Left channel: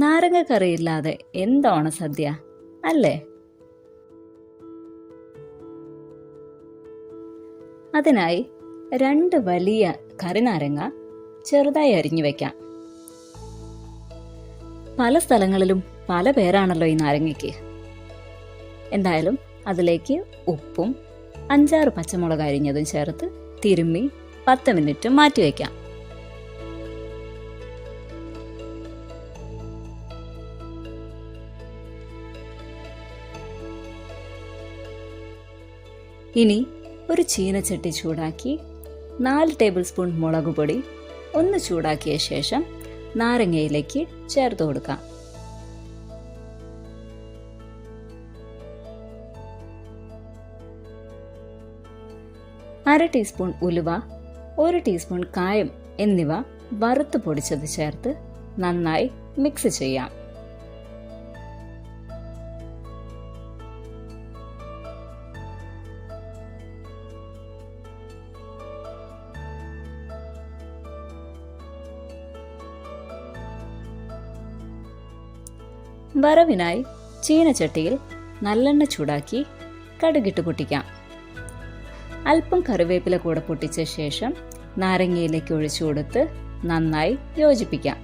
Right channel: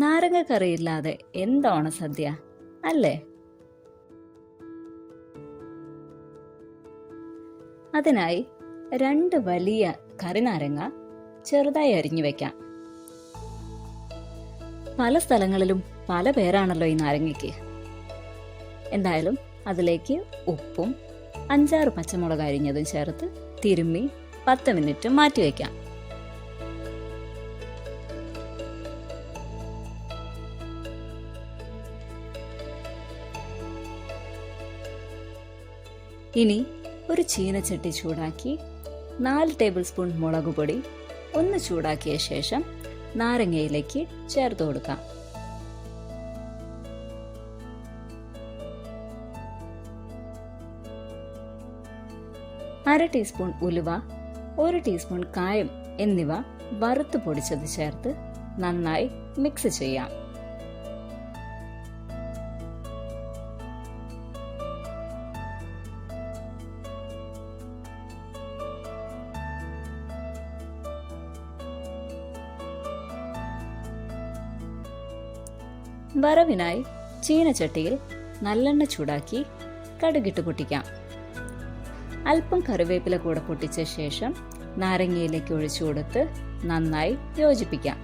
നാരങ്ങ കറിയില്ലാതെ എന്താണ് സദ്യ അല്ലേ? അതിനായി 2 വലിയ കറിനാരങ്ങ ചെറുതായി അരിഞ്ഞു വെക്കാം. പല സ്ഥലങ്ങളിലും പല പേരാണല്ലോ ഈ നാരങ്ങയ്ക്ക്. എന്തായാലും അതിലേക്ക് ഉപ്പും 5-6 പച്ചമുളക് അരിഞ്ഞതും ചേർത്ത് തിരുമ്മി 10 മിനിറ്റ് മാറ്റിവെക്കാം. ഇനി ഒരു ചീനച്ചട്ടി ചൂടാക്കി 4 ടേബിൾ സ്പൂൺ മുളക് പൊടി ഒന്ന് ചൂടാക്കിയ ശേഷം നാരങ്ങയിലേക്ക് ചേർത്ത് കൊടുക്കാം. അര ടീസ്പൂൺ ഉലുവ, 1 ടീസ്പൂൺ കായം എന്നിവ വറുത്ത് പൊടിച്ചത് ചേർത്ത് നന്നായി മിക്സ് ചെയ്യാം. വറവിനായി ചീനച്ചട്ടിയിൽ നല്ലെണ്ണ ചൂടാക്കി കടുകിട്ട് പൊട്ടിക്കാം. അല്പം കറിവേപ്പില കൂടെ പൊട്ടിച്ച ശേഷം നാരങ്ങയിലേക്ക് ഒഴിച്ചു കൊടുത്ത് നന്നായി യോജിപ്പിക്കാം.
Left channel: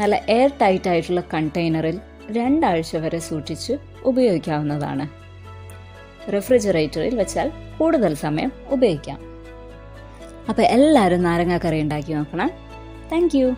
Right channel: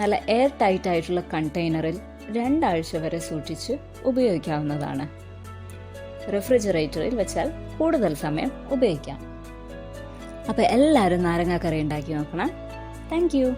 നല്ല എയർ ടൈറ്റ് ആയിട്ടുള്ള കണ്ടെയ്നറിൽ 2 ആഴ്ച വരെ സൂക്ഷിച്ച് ഉപയോഗിക്കാവുന്നതാണ്. റെഫ്രിജറേറ്ററിൽ വെച്ചാൽ കൂടുതൽ സമയം ഉപയോഗിക്കാം. അപ്പോൾ എല്ലാവരും നാരങ്ങ കറി ഉണ്ടാക്കി നോക്കണം. Thank you.